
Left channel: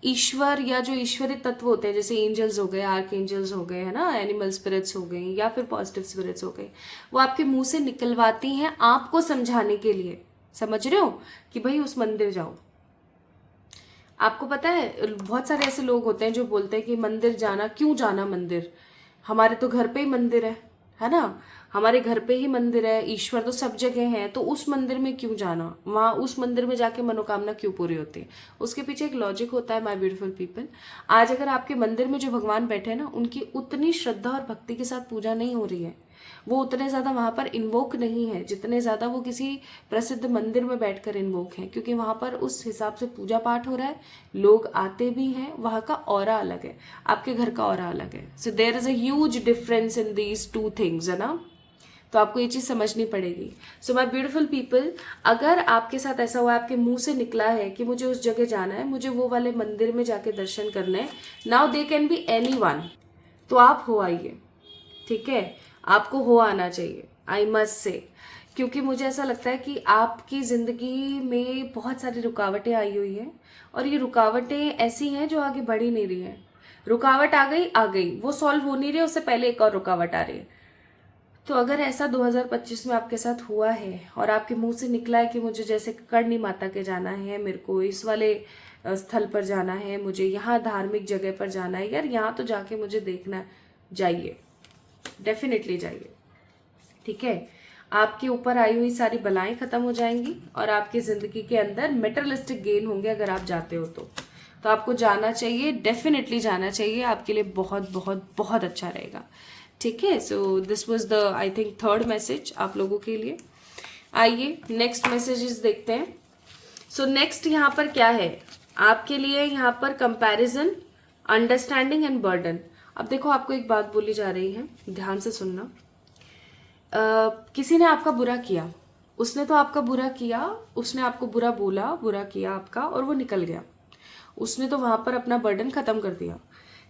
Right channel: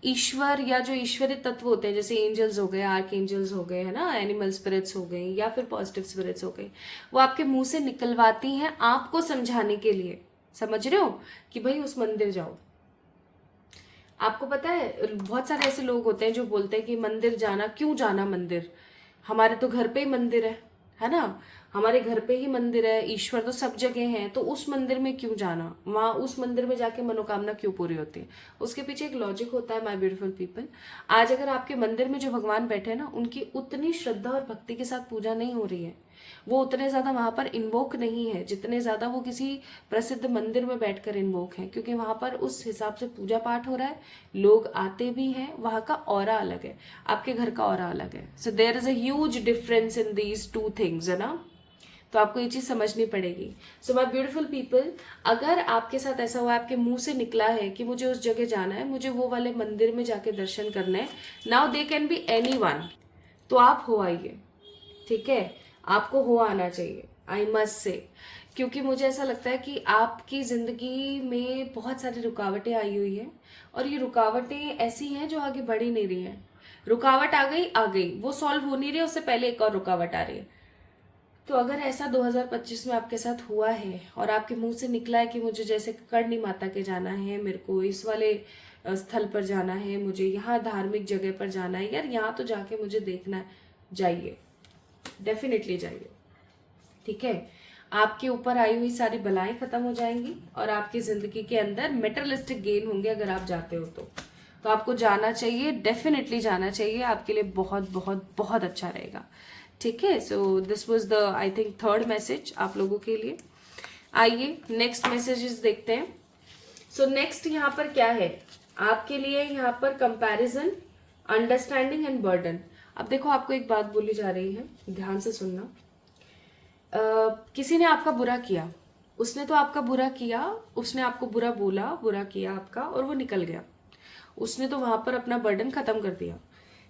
ईश्वर या जो ईश्वरीय तत्व होते हैं, जैसे एंजल्स हो गए, आर्क एंजल्स हो गए, है ना, एनिमल स्पिरिट्स हो गए या फिर पॉजिटिव स्पिरिट्स हो गए, वो आपके मुंह से निकलवाती हैं आपको समझाने के लिए। समझ रहे हो कि भाई उस मंदिर जाओ। आपको पता है बहुत सारे ऐसे लोग होते हैं जो बोलते हैं कि मंदिर जाना, क्यों जाना मंदिर, हमारे तो घर पे ही मंदिर है ना, हमारे घर पे ही मंदिर है, ईश्वर तो सब जगह है, तो उस मंदिर में क्यों जाना, वहां उस मंदिर में जाके मनोकामना क्यों पूरी होती है। उसके पीछे एक लॉजिक होता है, माय ब्यूटीफुल पीपल। आज अगर आपके मंदिर में जो भगवान बैठे हैं ना, उनकी उतनी श्रद्धा और भक्ति के साथ पूजा नहीं हो रही है, वो उतने ज्यादा वहां पर इन्वोक नहीं है जितने ज्यादा वो किसी प्रसिद्ध मंदिर में बैठकर इन्वोक है, क्योंकि वहां पर उस हिसाब से पूजा पाठ हो रहा है, लोग आते भी हैं, वहां का ऑरा अलग है, आपके घर का ऑरा अलग है। So there is a huge difference in these two things, है ना। तो आपको ये चीज समझनी पड़ेगी। सो माय ब्यूटीफुल पीपल, अगर आपके साथ ऐसा हुआ, आपके मुंह से निकला है कि मुझे उस जगह जाना है, मुझे वो वाले मंदिर में जाके दर्शन करने हैं, now they can be anyone, तो आप हो आइए, ठीक है, आपको हो आना चाहिए, आई मस्ट से। क्योंकि मुझे ऐसा लगता है कि आपकी जिंदगी में बहुत सारी रुकावटें आई हुई है, और ये रुकावटें ऐसी हैं जो आगे बढ़ ही नहीं रही हैं। रुकावट आ गई, वो सॉल्व हो नहीं रही, उससे पहले एक और रुकावट आ रही है। तो अगर ऐसा 2025 में आपके साथ हुआ है और आपके मुंह से निकला है कि मुझे जैसे करणी माता के जाना है, मेरे को इस वाले स्थल पर जाना है, मुझे यहाँ धार्मिक जगह पर जाना है, यार यहाँ तो जाके मुझे देखना है, जाइए, डेफिनेटली जाइए, ठीक है। आपके ऊपर आई हुई सारी बलाएं खत्म हो जाएंगी और आपकी जिंदगी के अंदर मेटेरियलिस्टिक गेन होंगे अगर आप जाते हो तो आपको जाना चाहिए, डेफिनेटली जाना चाहिए, आपके लिए बहुत बहुत बहुत अच्छा रहेगा, ठीक है। So this was the I think third message आप लोगों के लिए। आइए नेक्स्ट मैसेजेस देखते हैं। सो नेक्स्ट यहाँ पर क्या है आपके लिए, यहाँ पर कंपैरिजन, अंडरस्टैंडिंग एंड बर्डन। अब देखो, आपको एक बात बोली जा रही है, ध्यान से सुनना। किसी ने आपका बुरा किया, उसने तो आपका बुरा किया, उसने आपको बुरा बोला, बुरा किया आपका, और वो निकल गया, उसने तो वहां पर अपना बर्डन खत्म कर दिया।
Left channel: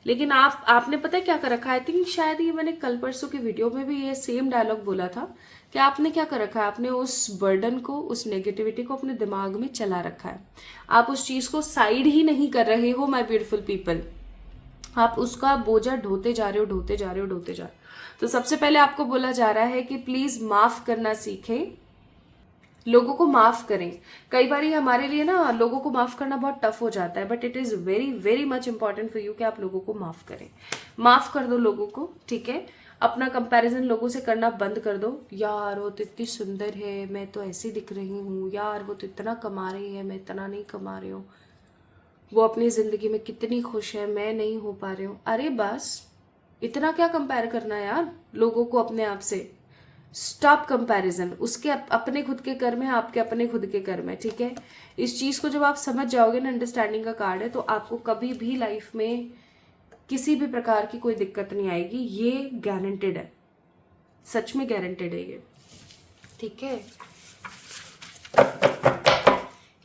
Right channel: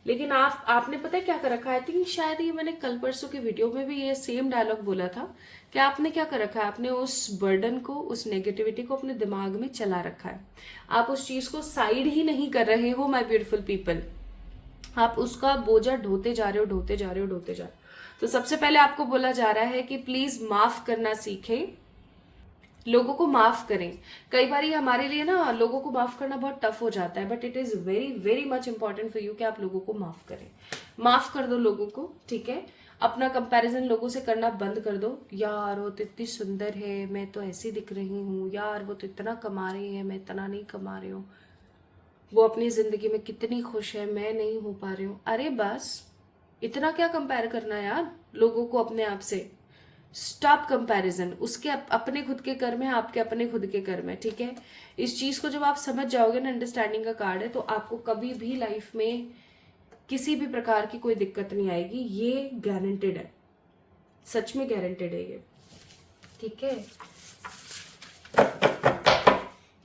लेकिन आपने पता है क्या कर रखा है, आई थिंक शायद ये मैंने कल परसों की वीडियो में भी ये सेम डायलॉग बोला था कि आपने क्या कर रखा है, आपने उस बर्डन को, उस नेगेटिविटी को अपने दिमाग में चला रखा है, आप उस चीज को साइड ही नहीं कर रहे हो माय ब्यूटीफुल पीपल, आप उसका बोझा ढोते जा रहे हो, ढोते जा रहे हो, ढोते जा रहे हो। तो सबसे पहले आपको बोला जा रहा है कि प्लीज माफ करना सीखें, लोगों को माफ करें। कई बार हमारे लिए ना लोगों को माफ करना बहुत टफ हो जाता है, but it is very very much important for you कि आप लोगों को माफ करें, माफ कर दो लोगों को, ठीक है। अपना कंपैरिजन लोगों से करना बंद कर दो, यार वो तो इतनी सुंदर है, मैं तो ऐसी दिख रही हूँ, यार वो तो इतना कमा रही है, मैं इतना नहीं कमा रही हूँ, वो अपनी जिंदगी में कितनी खुश है, मैं नहीं हो पा रही हूँ। अरे बस, इतना क्या कंपेयर करना है यार लोगों को अपने आप से। स्टॉप कंपैरिजन, उसके अपने खुद के कर्म है, आपके अपने खुद के कर्म है, ठीक है। इस चीज को जब आप समझ जाओगे ना, अंडरस्टैंडिंग का कार्ड है, तो आपको कभी भी लाइफ में किसी भी प्रकार की कोई दिक्कत नहीं आएगी, ये गारंटेड है, सच में गारंटेड है ये, ठीक है।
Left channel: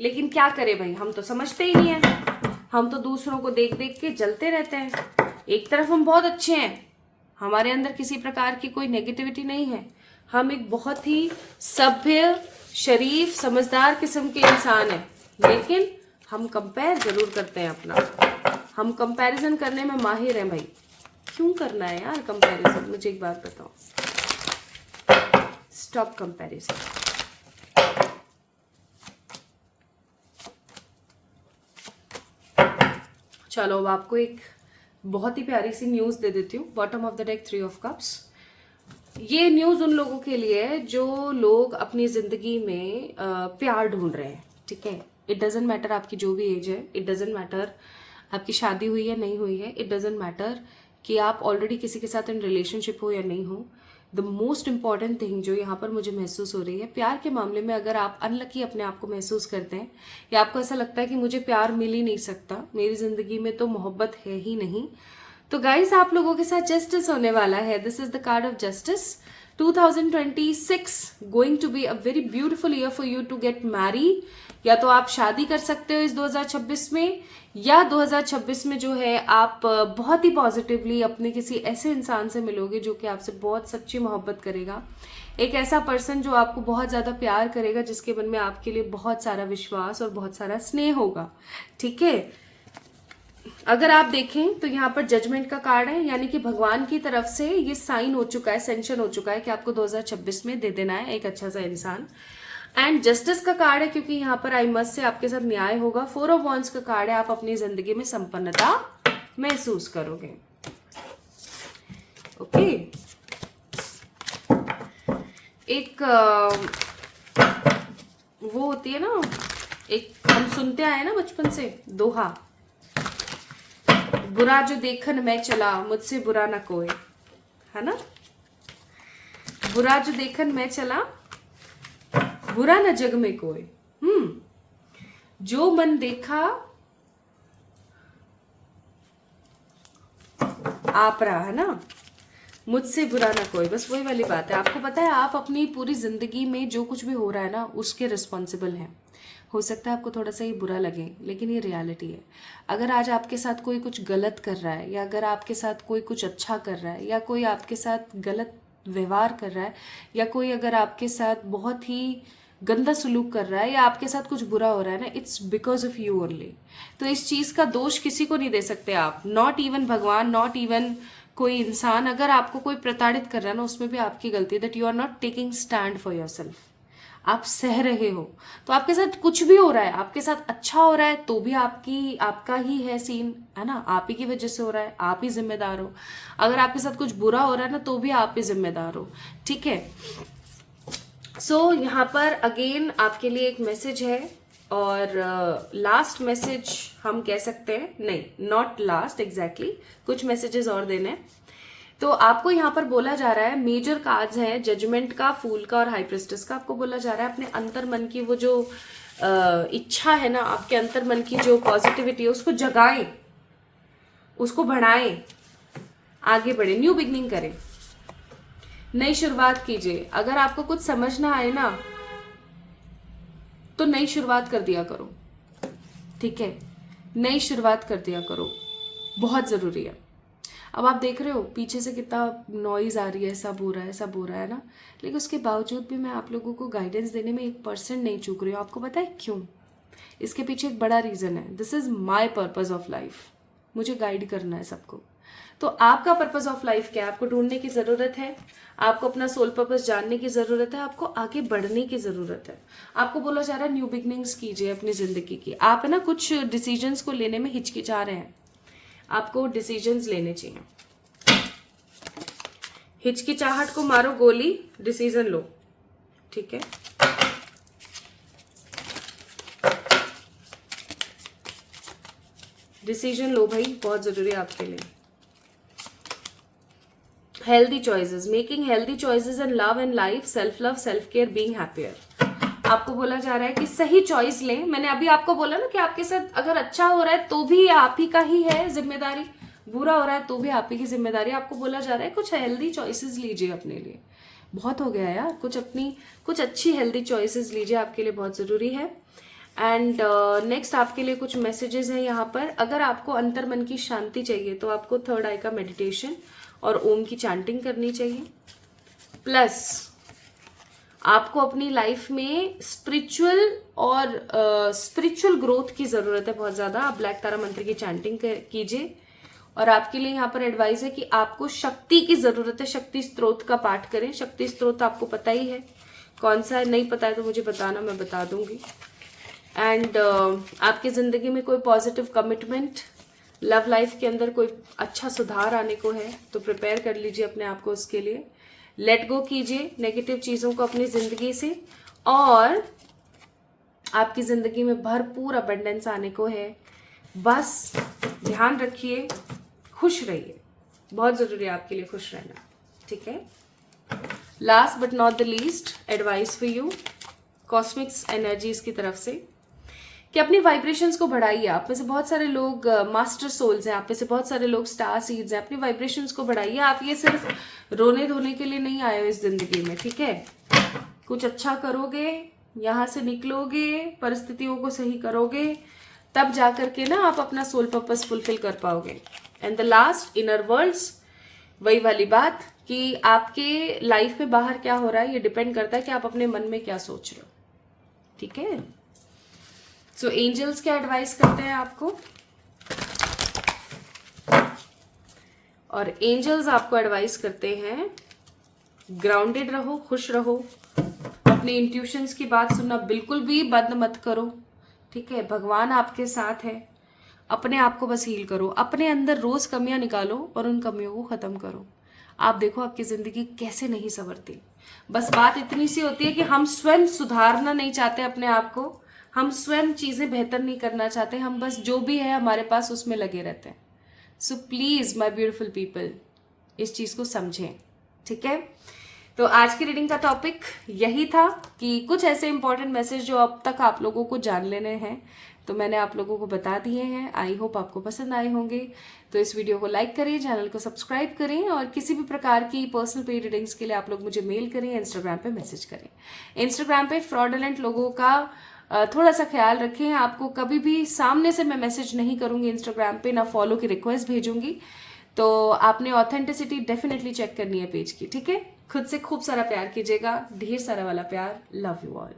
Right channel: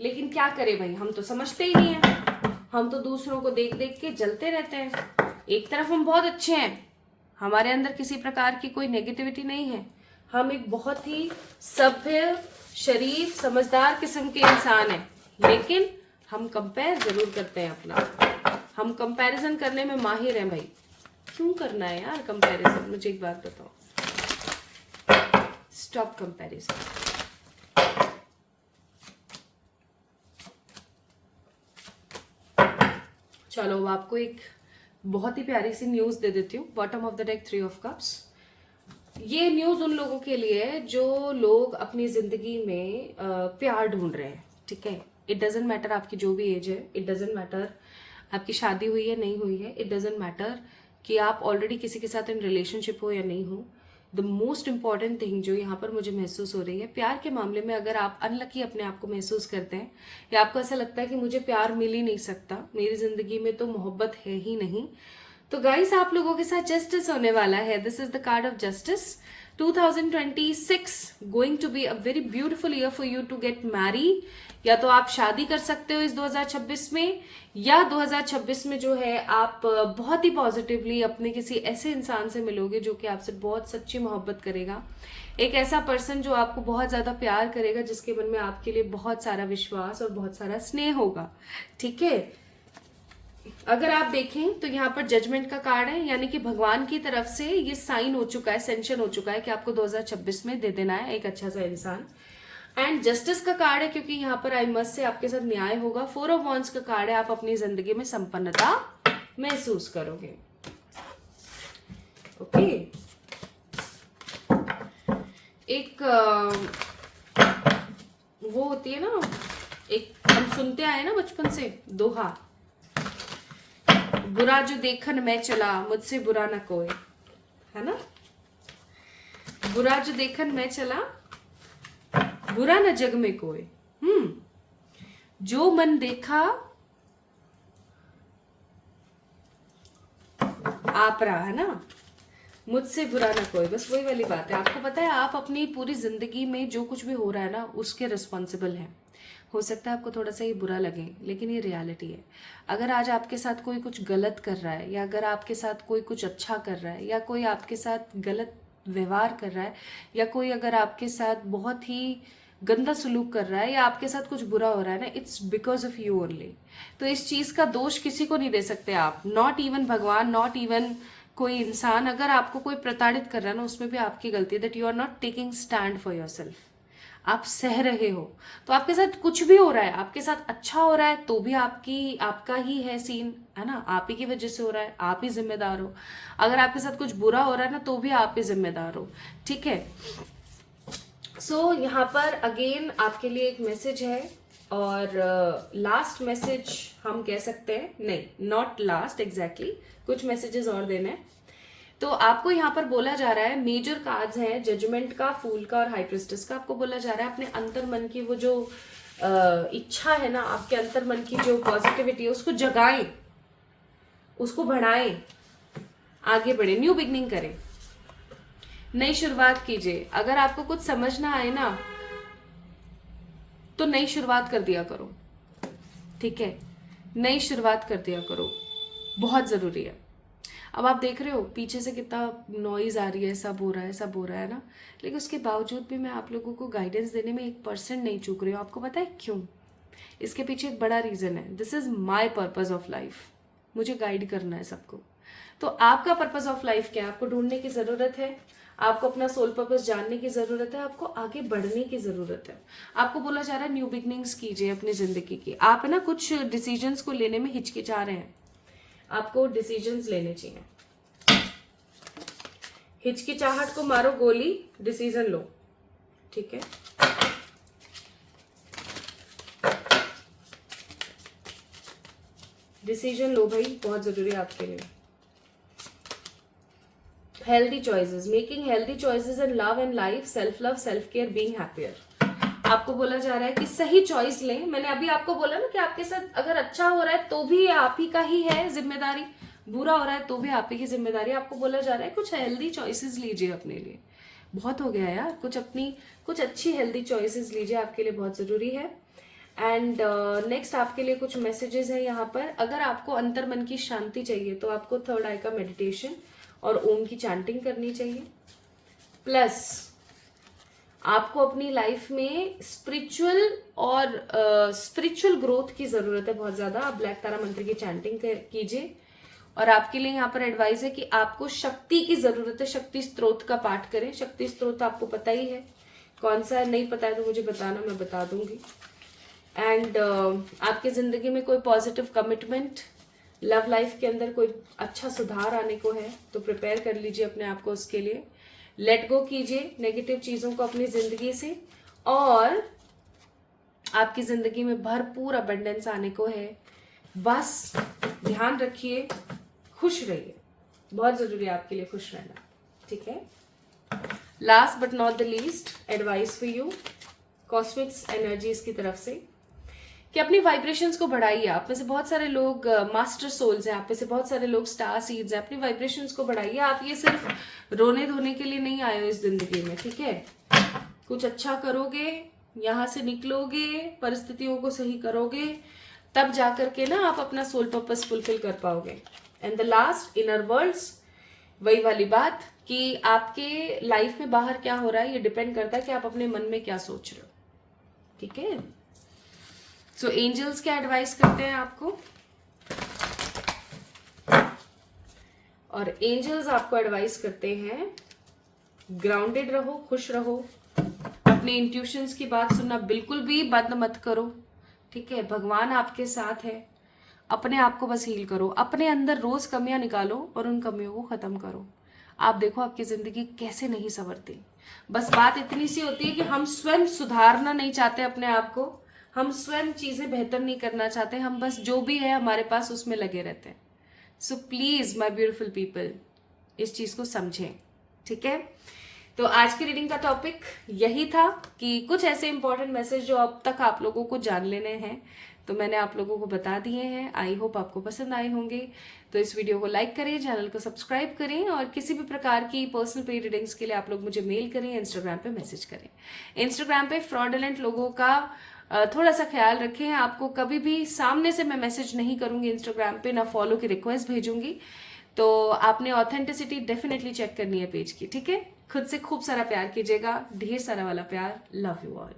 लेकिन क्या करें भाई, हम तो समझते ही नहीं है, हम तो दूसरों को देख देख के जलते रहते हैं। एक तरफ हम बहुत अच्छे हैं, हमारे अंदर किसी प्रकार की कोई नेगेटिविटी नहीं है, हम एक बहुत ही सभ्य, शरीफ, समझदार किस्म के इंसान हैं, लेकिन हम कंपेयर जरूर करते हैं अपना, हम कंपैरिजन करने में माहिर हैं भाई। क्यों करना है यार कंपैरिजन, मुझे एक बात बताओ, स्टॉप कंपैरिजन। चलो अब आपको एक बहुत ही प्यारी सी न्यूज दे देती हूँ। Bottom of the deck 3 of cups. ये न्यूज उन लोगों के लिए है जो लोग अपनी जिंदगी में प्यार ढूंढ रहे हैं, ठीक है। इट डजेंट मैटर आपकी जो भी एज है, इट डजेंट मैटर आपकी शादी हुई है नहीं हुई है, इट डजेंट मैटर कि आप ऑलरेडी किसी के साथ इन रिलेशनशिप हो या नहीं हो। द मोस्ट इंपॉर्टेंट थिंग जो यहाँ पर मुझे महसूस हो रही है, प्यार के मामले में अगर आप अनलकी अपने आप को महसूस करते हैं, या आपको ऐसा लगता है कि मुझे प्यार मिल ही नहीं सकता, मेरी जिंदगी में तो मोहब्बत है ही नहीं, तो गाइस आप लोगों के साथ जस्टिस होने वाला है। This is the card of justice. 2026 going to be a very beautiful year for you to get marry. या तो आप शादी कर सकते हो इस 2026 में, या 2026 में जो है आप बहुत ही पॉजिटिवली अपने किसी ऐसे इंसान से मिलोगे जो कि आपसे बहुत सच्ची मोहब्बत करेगा, एक ऐसा पर्सन जो आपको बहुत ज्यादा प्यार करेगा, जिसके मन में आपके लिए बहुत सारा विश्वास और बहुत सारा स्नेह होगा, ठीक है। अगर आप देखें तो यहाँ पर जजमेंट का कार्ड है, यानी कि भगवान की तरफ से ये साइन हो चुका है, सेंशन हो चुका है कि आपको 2026 में दे देना है एक अच्छा सा इंसान। एंड जस्टिस का कार्ड है, क्योंकि यहाँ पर आई मस्ट से आपके साथ न्याय होगा। 4 ऑफ वॉन्ड्स का कार्ड है, आप अपनी जिंदगी में संपन्नता महसूस करोगे, ओके। एक वो होती है ना, एक हम सुनते आए ना बचपन से दोहा, बुरा जो देखन मैं चला, मुझसे बुरा ना कोई, है ना। बुरा जो देखन मैं चला, बुरा न जग में कोई। जो मन देखा आप रहा, है ना, मुझसे बुरा ना कोई। बस वही वाली बात है। आपको पता है आप अपनी पूरी जिंदगी में जो कुछ भी हो रहा है ना उसके रिस्पॉन्सिबल हैं। हो सकता है आपको थोड़ा सा ये बुरा लगे, लेकिन ये रियलिटी है। अगर आज आपके साथ कोई कुछ गलत कर रहा है, या अगर आपके साथ कोई कुछ अच्छा कर रहा है, या कोई आपके साथ गलत व्यवहार कर रहा है, या कोई अगर आपके साथ बहुत ही गंदा सलूक कर रहा है, या आपके साथ कुछ बुरा हो रहा है ना, it's because of you only. तो इस चीज का दोष किसी को नहीं दे सकते आप, नॉट इवन भगवान, नॉट इवन कोई इंसान। अगर आपको कोई प्रताड़ित कर रहा है ना, उसमें भी आपकी गलती है, that you are not taking stand for your self. आप सह रहे हो। तो आपके साथ कुछ भी हो रहा है, आपके साथ अच्छा हो रहा है तो भी आपका ही है सीन, है ना, आप ही की वजह से हो रहा है, आप ही जिम्मेदार हो। अगर आपके साथ कुछ बुरा हो रहा है ना, तो भी आप ही जिम्मेदार हो। ठीक है। सो यहाँ पर अगेन आपके लिए एक मैसेज है, और लास्ट मैसेज हम कह सकते हैं, नहीं नॉट लास्ट एग्जैक्टली, कुछ मैसेजेस और देने हैं। तो आपको यहाँ पर बोला जा रहा है, मेजर कार्ड्स है जजमेंट का, फूल का और हाई प्रिस्टेस का। आपको बोला जा रहा है अपने अंतर मन की वो जो इच्छा है ना, आपके अंतर मन की जो पॉजिटिविटी है उसको जगाएं, उसको बढ़ाएं, आगे बढ़े, न्यू बिगनिंग करें, नई शुरुआत कीजिए। अगर आपको कुछ समझ ना आए ना, तो नई शुरुआत कर दिया करो। ठीक है, नई शुरुआत कर दिया करो, बहुत जरूरी है। अब आप देख रहे हो पीछे से कितना नॉइज आ रही है, सब हो रहा है, सब हो रहा है ना, लेकिन उसके बावजूद भी मैं आप लोगों को गाइडेंस देने में 1% नहीं चूक रही हूँ। आपको पता है क्यों? इसके पीछे एक बड़ा रीजन है। This is my purpose of life. मुझे गाइड करना है सबको। तो आपका पर्पज ऑफ लाइफ क्या है? आपको ढूंढने की जरूरत है, आपको अपना सोल पर्पस जानने की जरूरत है, आपको आगे बढ़ने की जरूरत है। आपको बोला जा रहा है न्यू बिगनिंग्स कीजिए अपनी जिंदगी की। आप है ना कुछ डिसीजंस को लेने में हिचकिचा रहे हैं, आपको डिसीजंस लेने चाहिए। हिचकिचाहट को मारो गोली, डिसीजन लो। ठीक है, डिसीजन लो भाई, बहुत जरूरी है आपके लिए। Healthy choices, making healthy choices in love and life, self love, self care, being happier. आपको बोला जा रहा है कि सही चॉइस लें। मैंने अभी आपको बोला ना कि आपके साथ अगर अच्छा हो रहा है तो भी आप ही का ही है जिम्मेदारी, बुरा हो रहा है तो भी आप ही की जिम्मेदारी। आपको बोला जा रहा है कुछ हेल्दी चॉइसेस लीजिए अपने लिए। बहुत हो गया यार, कुछ अच्छी हेल्दी चॉइसेस लीजिए, आपके लिए बहुत जरूरी है। एंड नेक्स्ट आपके लिए कुछ मैसेजेस हैं यहाँ पर। अगर आपको अंतर मन की शांति चाहिए तो आपको थर्ड आई का मेडिटेशन और ओम की चैंटिंग करनी चाहिए। प्लस आपको अपनी लाइफ में स्पिरिचुअल ग्रोथ की जरूरत है बहुत ज्यादा। आप ब्लैक तारा मंत्र की चैंटिंग कीजिए। और आपके लिए यहाँ पर एडवाइस है कि आपको शक्ति की जरूरत है, शक्ति स्त्रोत का पाठ करें। शक्ति स्त्रोत आपको पता ही है कौन सा है, नहीं पता है तो मुझे बताना, मैं बता दूंगी। एंड आपकी जिंदगी में कोई पॉजिटिव कमिटमेंट, लव लाइफ के अंदर कोई अच्छा सुधार आने को है तो प्रिपेयर कर लीजिए अपने आप को उसके लिए। लेट गो कीजिए नेगेटिव चीजों को अपनी जिंदगी से, और आपकी जिंदगी में भरपूर अबंडेंस आने को है। बस ध्यान रखिए, खुश रहिए, बहुत जरूरी है आपके लिए खुश रहना। ठीक है। Last but not the least advice for you कॉस्मिक्स energies की तरफ से कि अपनी वाइब्रेशंस को बढ़ाइए। आप में से बहुत सारे लोग मास्टर सोल्स हैं, आप में से बहुत सारे लोग स्टार सीड्स हैं। अपनी वाइब्रेशंस को बढ़ाइए। आप ये सिर्फ रोने धोने के लिए नहीं आए हो इस जिंदगी में। ठीक है, कुछ अच्छा करोगे, यहाँ से निकलोगे, परिस्थितियों को सही करोगे, तब जाकर के ना आप अपना सोल पर्पस फुलफिल कर पाओगे। And the last inner worlds, वही वाली बात कि आपके लाइफ में बाहर क्या हो रहा है ये डिपेंड करता है कि आप अपने मन में क्या सोच रहे हो। ठीक है। सो एंजल्स क्या एडवाइस करते हैं आपको, और एंजल्स आपको एडवाइस करते हैं ग्राउंडेड रहो, खुश रहो, अपनी इंट्यूशंस की बात सुनना बिल्कुल भी बंद मत करो। ठीक है, भगवान आपके साथ है। अपने आप को बस हील करो, अपने अंदर रोज कमियां निकालो और उन कमियों को खत्म करो। आप देखो आपकी जिंदगी कैसे नहीं संवरती। बस बात इतनी सी होती है कि हम स्वयं सुधारना नहीं चाहते अपने आप को, हम स्वयं चीजें बेहतर नहीं करना चाहते, हम बस जो भी है हमारे पास उसमें लगे रहते हैं। So please my beautiful people, इस चीज को समझें। ठीक है। तो आज की रीडिंग का टॉपिक यही था कि कुछ ऐसे इंपॉर्टेंट मैसेज जो अब तक आप लोगों को जान लेने हैं, तो मैंने आप लोगों को बता दिए हैं। आई होप आपको पसंद आए होंगे। तो इस वीडियो को लाइक करें, चैनल को सब्सक्राइब करें, और किसी भी प्रकार की पर्सनल पेड रीडिंग्स के लिए आप लोग मुझे मेल करें, इंस्टाग्राम पे मैसेज करें। इंस्टाग्राम पे फ्रॉडुलेंट लोगों का थोड़ा सा ख्याल रखें। आपको कभी भी सामने से मैं मैसेज नहीं करूंगी इंस्टाग्राम पे, ना फॉलो की रिक्वेस्ट भेजूंगी। तो आपने ऑथेंटिसिटी डेफिनेटली चेक करनी है पेज की, ठीक है। खुद से खूब सारा प्यार कीजिएगा, ढेर सारा वाला प्यार। Love you all.